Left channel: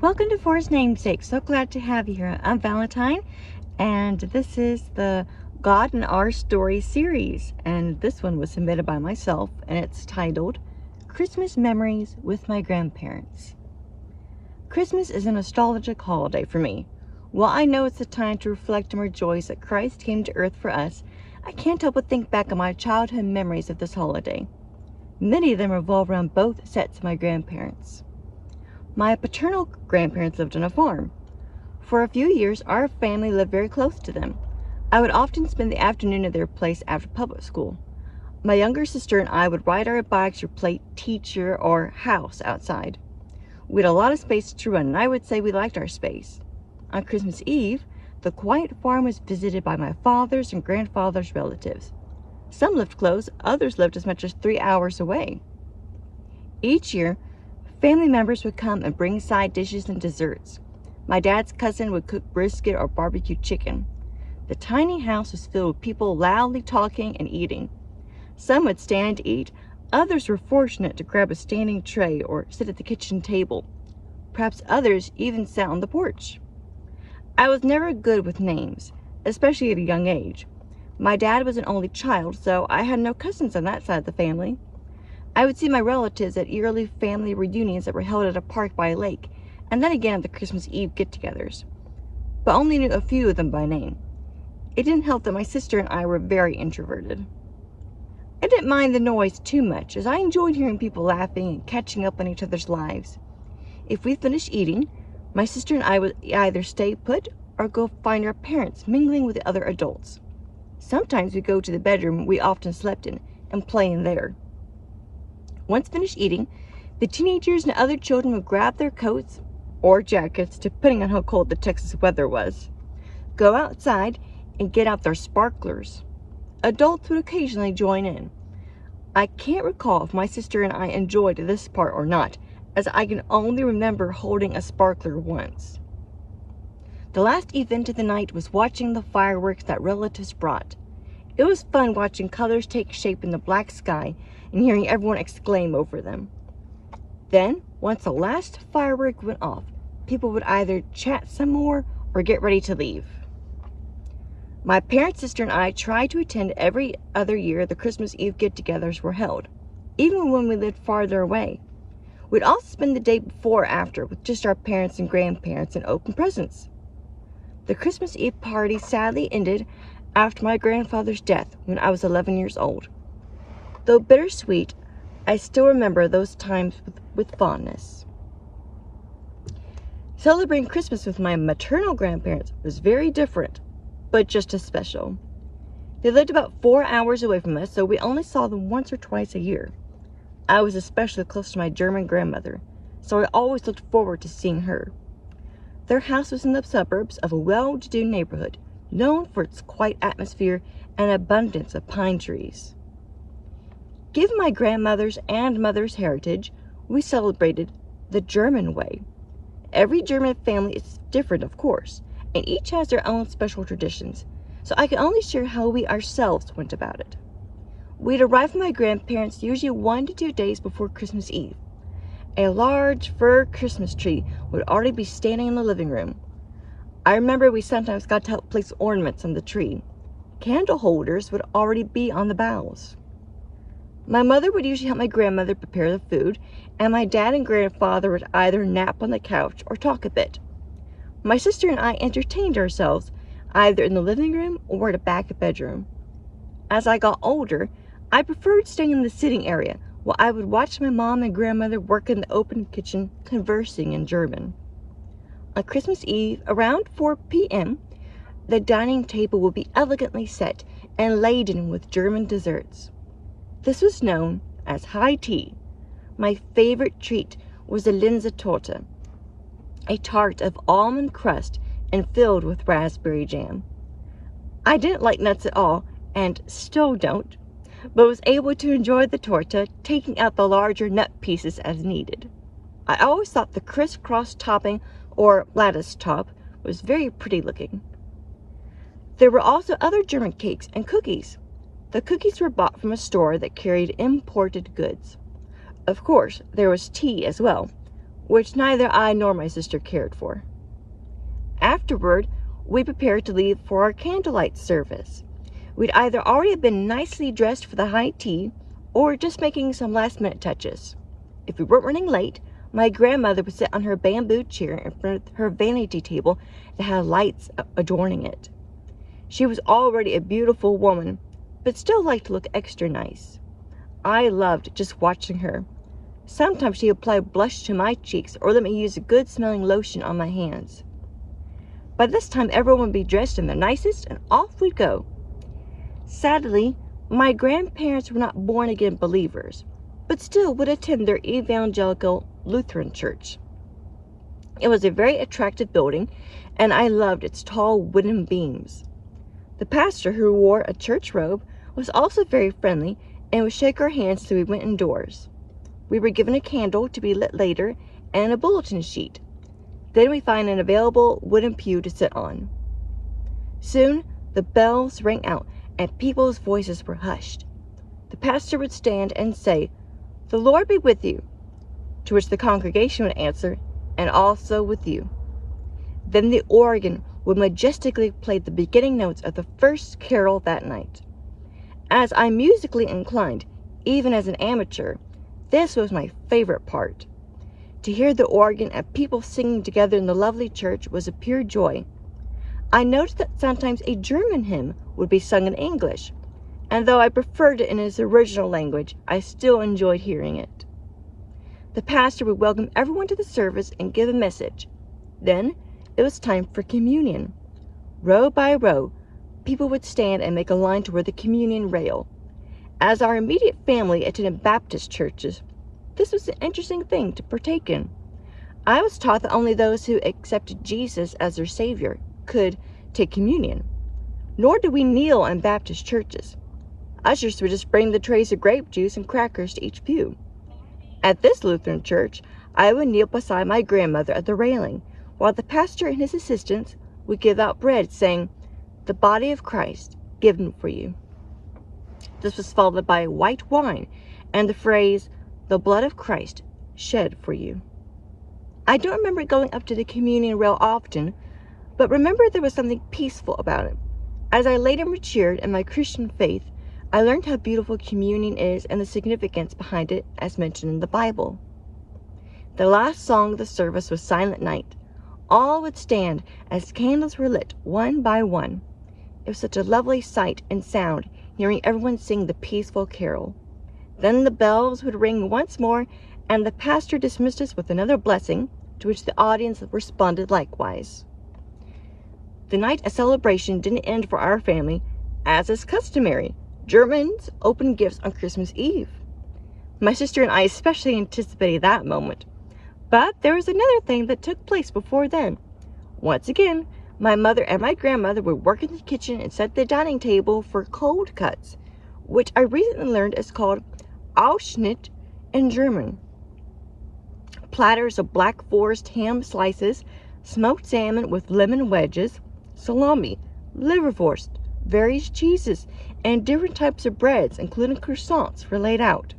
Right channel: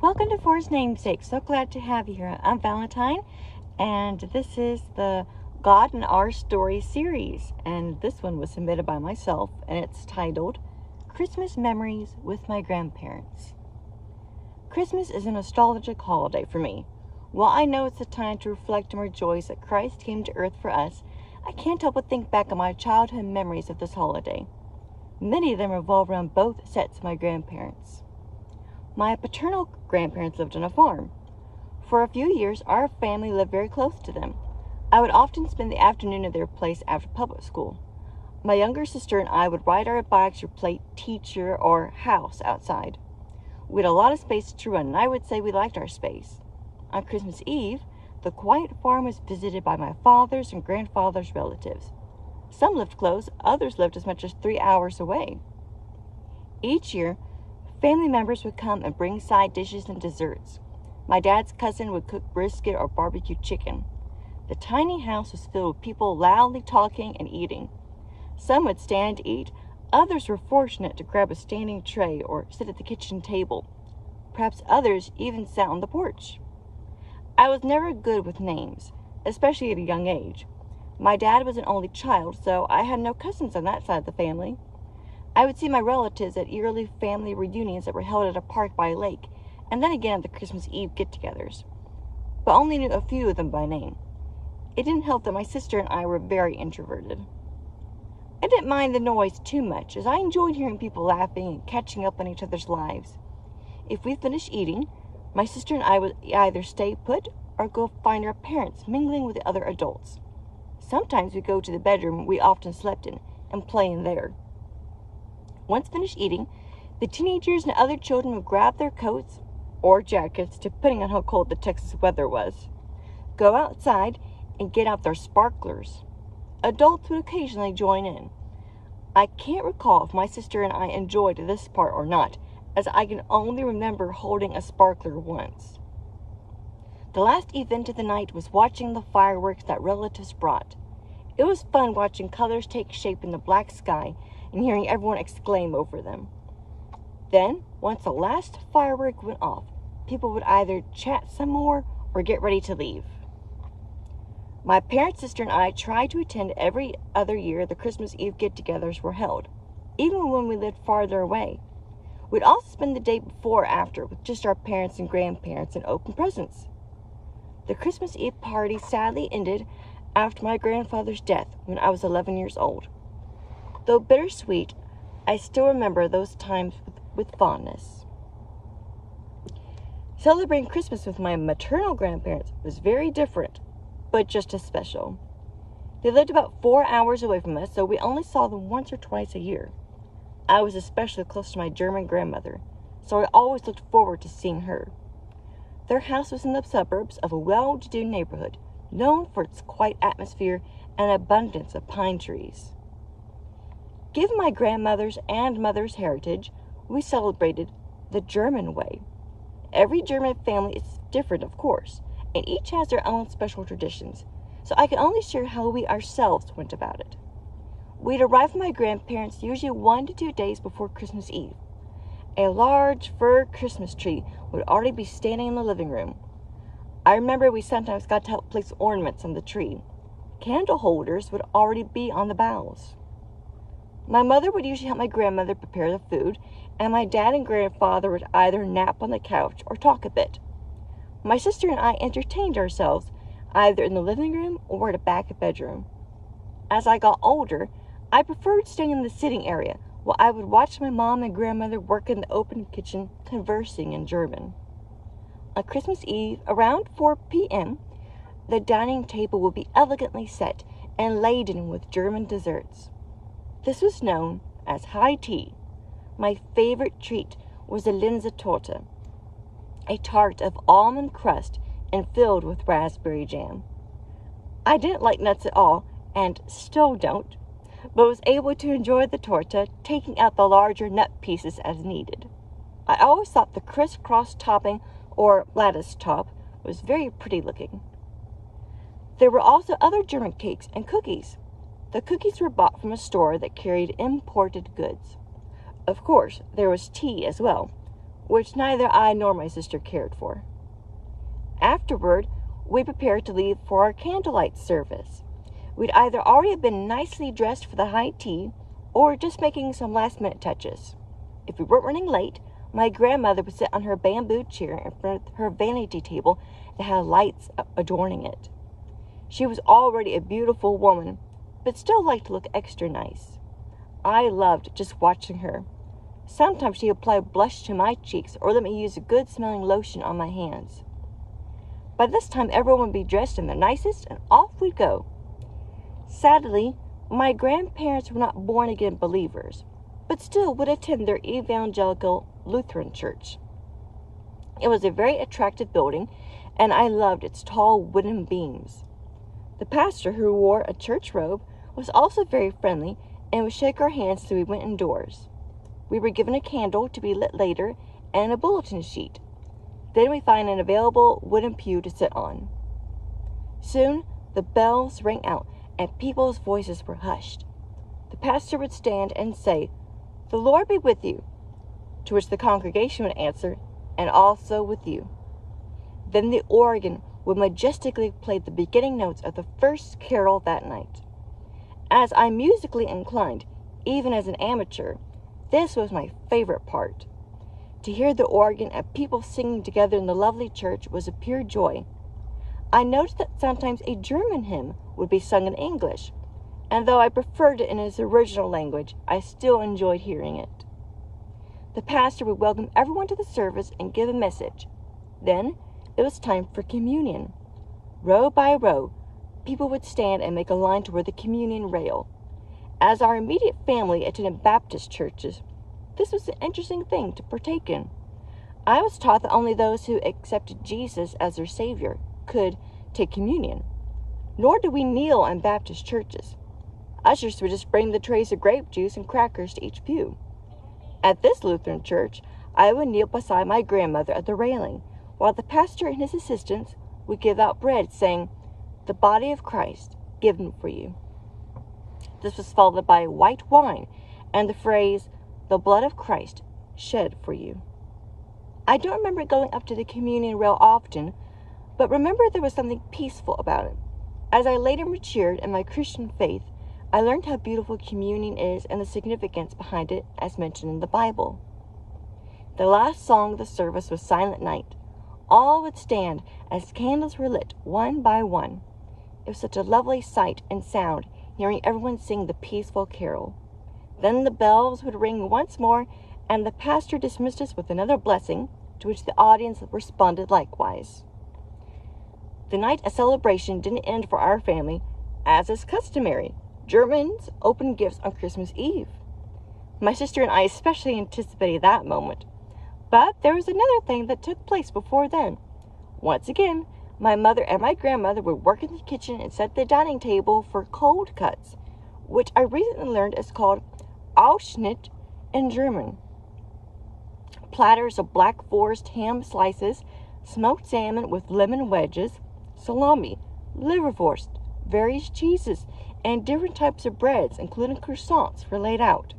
Welcome to Four's Namesake. So glad to have you here. I'm Valentine, and this is the God and Our Story series. And this one was submitted by myself, and it's titled Christmas Memories with My Grandparents. Christmas is a nostalgic holiday for me. While I know it's a time to reflect and rejoice that Christ came to earth for us, I can't help but think back on my childhood memories of this holiday. Many of them revolve around both sets of my grandparents. My paternal grandparents lived on a farm. For a few years, our family lived very close to them. I would often spend the afternoon at their place after public school. My younger sister and I would ride our bikes or play teacher or house outside. We had a lot of space to run, and I would say we liked our space. On Christmas Eve, the quiet farm was visited by my father's and grandfather's relatives. Some lived close, others lived as much as 3 hours away. Each year, family members would come and bring side dishes and desserts. My dad's cousin would cook brisket or barbecue chicken. The tiny house was filled with people loudly talking and eating. Some would stand to eat, others were fortunate to grab a standing tray or sit at the kitchen table. Perhaps others even sat on the porch. I was never good with names, especially at a young age. My dad was an only child, so I had no cousins on that side of the family. I would see my relatives at yearly family reunions that were held at a park by a lake, and then again at the Christmas Eve get-togethers, but only knew a few of them by name. It didn't help that my sister and I were very introverted. I didn't mind the noise too much, as I enjoyed hearing people laughing and catching up on each other's lives. If we finished eating, my sister and I would either stay put or go find our parents mingling with the other adults. Sometimes we'd go to the bedroom we often slept in and play in there. Once finished eating, the teenagers and other children would grab their coats or jackets, depending on how cold the Texas weather was, go outside and get out their sparklers. Adults would occasionally join in. I can't recall if my sister and I enjoyed this part or not, as I can only remember holding a sparkler once. The last event of the night was watching the fireworks that relatives brought. It was fun watching colors take shape in the black sky and hearing everyone exclaim over them. Then, once the last firework went off, people would either chat some more or get ready to leave. My parents, sister, and I tried to attend every other year the Christmas Eve get-togethers were held, even when we lived farther away. We'd also spend the day before or after with just our parents and grandparents and open presents. The Christmas Eve party sadly ended after my grandfather's death when I was 11 years old. Though bittersweet, I still remember those times with fondness. Celebrating Christmas with my maternal grandparents was very different, but just as special. They lived about 4 hours away from us, so we only saw them once or twice a year. I was especially close to my German grandmother, so I always looked forward to seeing her. Their house was in the suburbs of a well-to-do neighborhood, known for its quiet atmosphere and abundance of pine trees. Given my grandmother's and mother's heritage, we celebrated the German way. Every German family is different, of course, and each has their own special traditions, so I can only share how we ourselves went about it. We'd arrive at my grandparents' usually 1 to 2 days before Christmas Eve. A large fir Christmas tree would already be standing in the living room. I remember we sometimes got to help place ornaments on the tree. Candle holders would already be on the boughs. My mother would usually help my grandmother prepare the food, and my dad and grandfather would either nap on the couch or talk a bit. My sister and I entertained ourselves either in the living room or at a back bedroom. As I got older, I preferred staying in the sitting area while I would watch my mom and grandmother work in the open kitchen, conversing in German. On Christmas Eve, around 4 p.m., the dining table would be elegantly set and laden with German desserts. This was known as high tea. My favorite treat was the Linsentorte, a tart of almond crust and filled with raspberry jam. I didn't like nuts at all, and still don't, but was able to enjoy the torta, taking out the larger nut pieces as needed. I always thought the crisscross topping, or lattice top, was very pretty looking. There were also other German cakes and cookies. The cookies were bought from a store that carried imported goods. Of course, there was tea as well. which neither I nor my sister cared for. Afterward, we prepared to leave for our candlelight service. We'd either already been nicely dressed for the high tea, or just making some last-minute touches. If we weren't running late, my grandmother would sit on her bamboo chair in front of her vanity table that had lights adorning it. She was already a beautiful woman, but still liked to look extra nice. I loved just watching her. Sometimes she would apply blush to my cheeks or let me use a good-smelling lotion on my hands. By this time, everyone would be dressed in their nicest, and off we'd go. Sadly, my grandparents were not born-again believers, but still would attend their evangelical Lutheran church. It was a very attractive building, and I loved its tall wooden beams. The pastor, who wore a church robe, was also very friendly and would shake our hands till we went indoors. We were given a candle to be lit later and a bulletin sheet. Then we find an available wooden pew to sit on. Soon the bells rang out and people's voices were hushed. The pastor would stand and say, "The Lord be with you," to which the congregation would answer, "And also with you." Then the organ would majestically play the beginning notes of the first carol that night. As I'm musically inclined, even as an amateur, this was my favorite part. To hear the organ and people singing together in the lovely church was a pure joy. I noticed that sometimes a German hymn would be sung in English, and though I preferred it in its original language, I still enjoyed hearing it. The pastor would welcome everyone to the service and give a message. Then it was time for communion. Row by row, people would stand and make a line toward the communion rail. As our immediate family attended Baptist churches, this was an interesting thing to partake in. I was taught that only those who accepted Jesus as their Savior could take communion. Nor did we kneel in Baptist churches. Ushers would just bring the trays of grape juice and crackers to each pew. At this Lutheran church, I would kneel beside my grandmother at the railing, while the pastor and his assistants would give out bread, saying, "The body of Christ, given for you." This was followed by white wine and the phrase, "The blood of Christ, shed for you." I don't remember going up to the communion rail often, but remember there was something peaceful about it. As I later matured in my Christian faith, I learned how beautiful communion is and the significance behind it as mentioned in the Bible. The last song of the service was Silent Night. All would stand as candles were lit one by one. It was such a lovely sight and sound, hearing everyone sing the peaceful carol. Then the bells would ring once more, and the pastor dismissed us with another blessing, to which the audience responded likewise. The night of celebration didn't end for our family, as is customary. Germans opened gifts on Christmas Eve. My sister and I especially anticipated that moment. But there was another thing that took place before then. Once again, my mother and my grandmother would work in the kitchen and set the dining table for cold cuts, which I recently learned is called Ausschnitt in German. Platters of Black Forest ham slices, smoked salmon with lemon wedges, salami, liverwurst, various cheeses, and different types of breads, including croissants, were laid out.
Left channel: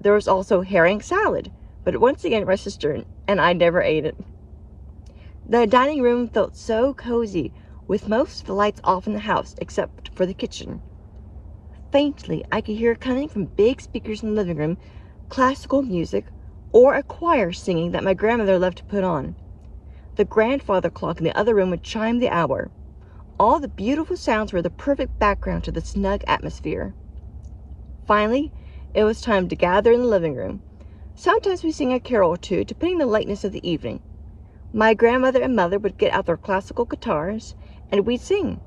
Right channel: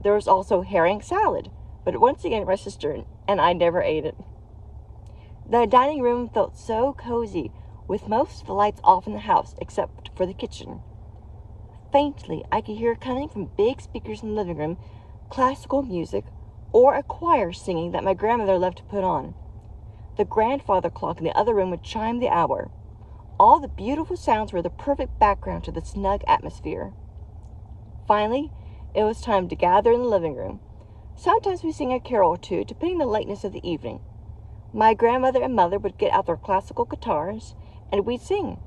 There was also herring salad, but once again my sister and I never ate it. The dining room felt so cozy, with most of the lights off in the house except for the kitchen. Faintly, I could hear coming from big speakers in the living room classical music or a choir singing that my grandmother loved to put on. The grandfather clock in the other room would chime the hour. All the beautiful sounds were the perfect background to the snug atmosphere. Finally, it was time to gather in the living room. Sometimes we sing a carol or two, depending on the lateness of the evening. My grandmother and mother would get out their classical guitars, and we'd sing.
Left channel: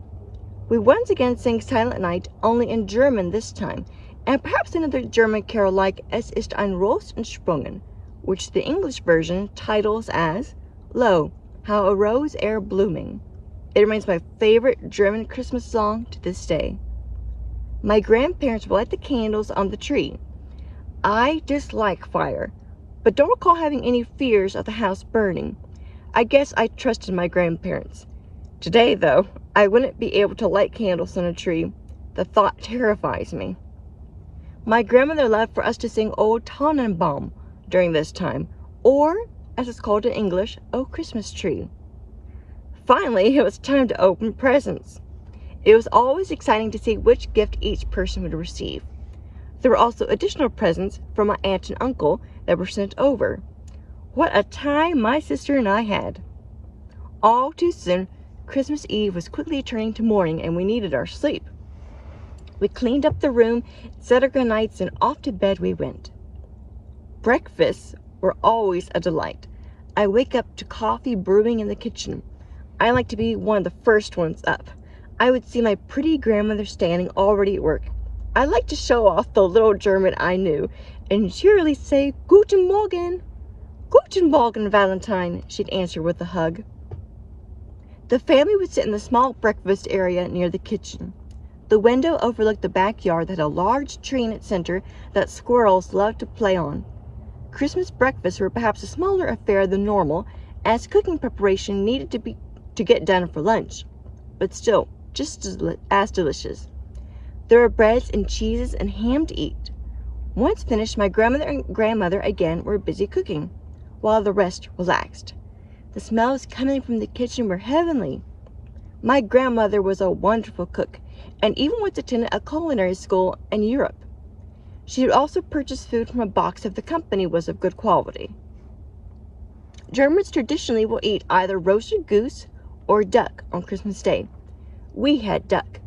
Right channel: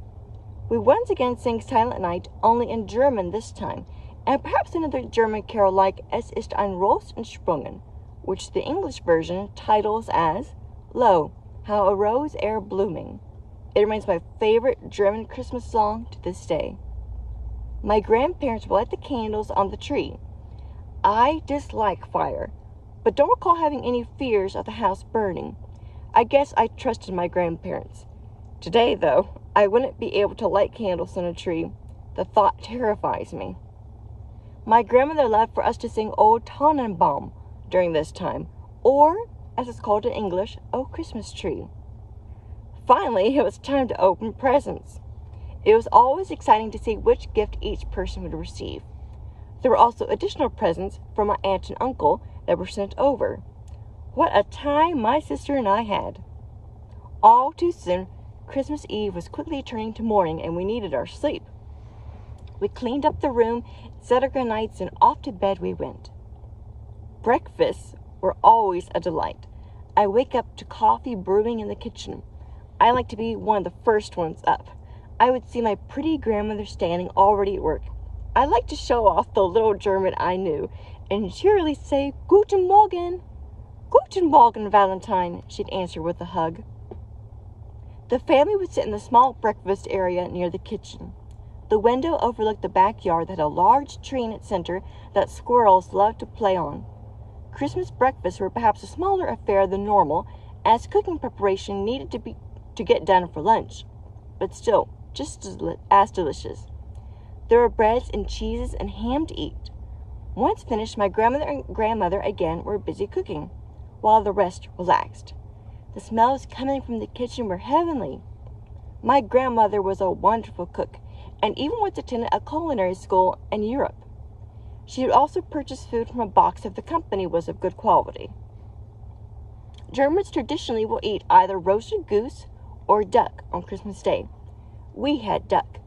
We once again sang Silent Night, only in German this time, and perhaps another German carol like Es ist ein Ros entsprungen, which the English version titles as Lo, how a rose ere blooming. It remains my favorite German Christmas song to this day. My grandparents would light the candles on the tree. I dislike fire, but don't recall having any fears of the house burning. I guess I trusted my grandparents. Today, though, I wouldn't be able to light candles on a tree. The thought terrifies me. My grandmother loved for us to sing Old Tannenbaum during this time, or as it's called in English, a Christmas tree. Finally, it was time to open presents. It was always exciting to see which gift each person would receive. There were also additional presents from my aunt and uncle that were sent over. What a time my sister and I had. All too soon, Christmas Eve was quickly turning to morning and we needed our sleep. We cleaned up the room, set our good nights, and off to bed we went. Breakfasts were always a delight. I wake up to coffee brewing in the kitchen. I like to be one of the first ones up. I would see my pretty grandmother standing already at work. I liked to show off the little German I knew and cheerily say, "Guten Morgen." "Guten Morgen, Valentine," she'd answer with a hug. The family would sit in the small breakfast area near the kitchen. The window overlooked the backyard that had a large tree in its center that squirrels loved to play on. Christmas breakfasts were perhaps a smaller affair than normal, as cooking preparation needed to get done for lunch, but still just as delicious. There were breads and cheeses and ham to eat. Once finished, my grandmother and grandmother again were busy cooking, while the rest relaxed. The smells coming from the kitchen were heavenly. My grandmother was a wonderful cook, and even once attended a culinary school in Europe. She would also purchase food from a box if the company was of good quality. Germans traditionally will eat either roasted goose or duck on Christmas Day. We had duck.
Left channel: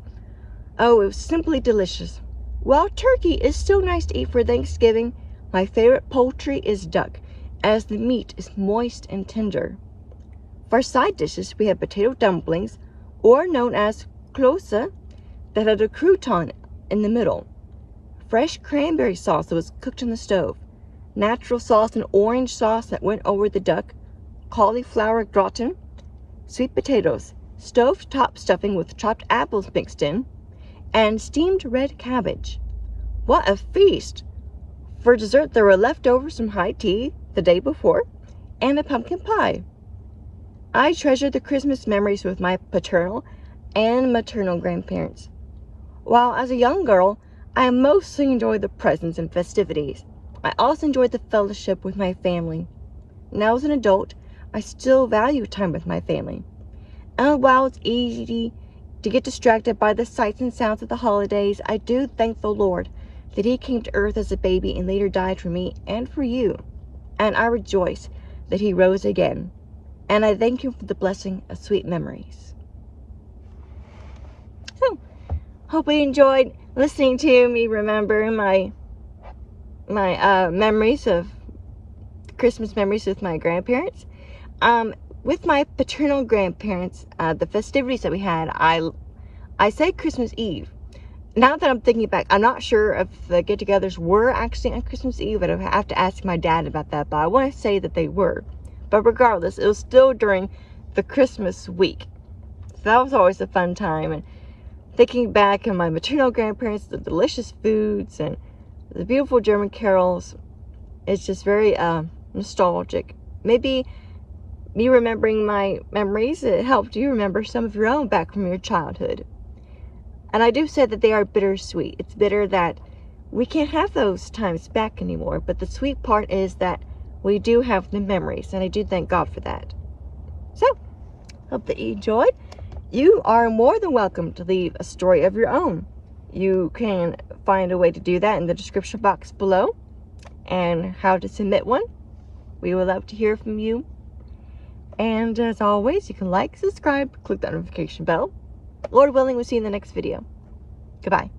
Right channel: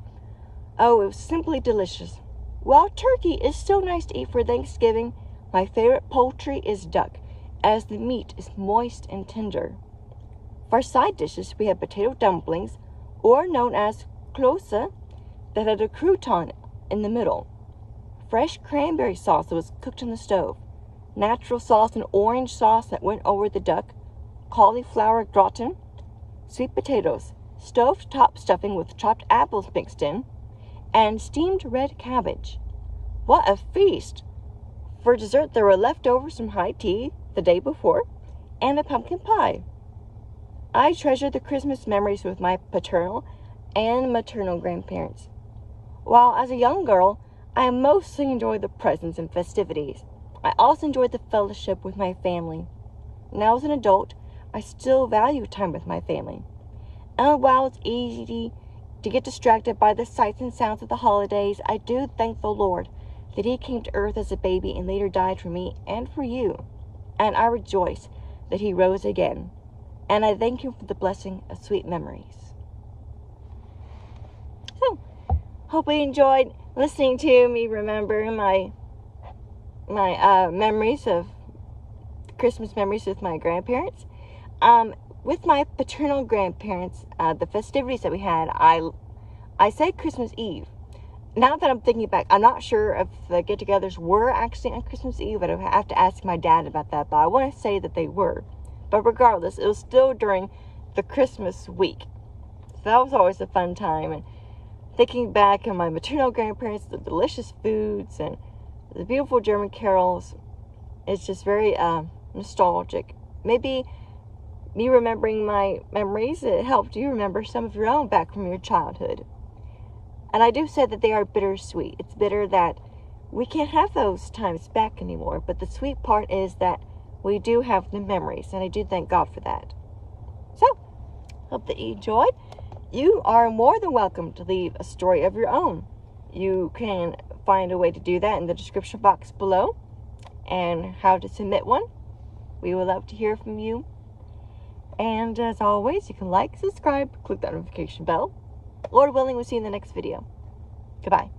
Oh, it was simply delicious. While turkey is still nice to eat for Thanksgiving, my favorite poultry is duck, as the meat is moist and tender. For side dishes, we had potato dumplings, or known as klöße, that had a crouton in the middle. Fresh cranberry sauce that was cooked on the stove, natural sauce and orange sauce that went over the duck, cauliflower gratin, sweet potatoes, stove-top stuffing with chopped apples mixed in, and steamed red cabbage. What a feast! For dessert, there were leftovers from high tea the day before, and a pumpkin pie. I treasure the Christmas memories with my paternal and maternal grandparents. While as a young girl, I mostly enjoyed the presents and festivities, I also enjoyed the fellowship with my family. Now as an adult, I still value time with my family. And while it's easy to get distracted by the sights and sounds of the holidays, I do thank the Lord that He came to earth as a baby and later died for me and for you. And I rejoice that He rose again. And I thank Him for the blessing of sweet memories. So, hope you enjoyed listening to me remember my memories of Christmas memories with my grandparents. With my paternal grandparents, the festivities that we had, I say Christmas Eve. Now that I'm thinking back, I'm not sure if the get-togethers were actually on Christmas Eve, but I have to ask my dad about that, but I want to say that they were. But regardless, it was still during the Christmas week. So that was always a fun time. And thinking back on my maternal grandparents, the delicious foods and the beautiful German carols, it's just very nostalgic. Maybe me remembering my memories, it helped you remember some of your own back from your childhood. And I do say that they are bittersweet. It's bitter that we can't have those times back anymore, but the sweet part is that we do have the memories, and I do thank God for that. So, hope that you enjoyed. You are more than welcome to leave a story of your own. You can find a way to do that in the description box below, and how to submit one. We would love to hear from you. And as always, you can like, subscribe, click that notification bell. Lord willing, we'll see you in the next video. Goodbye.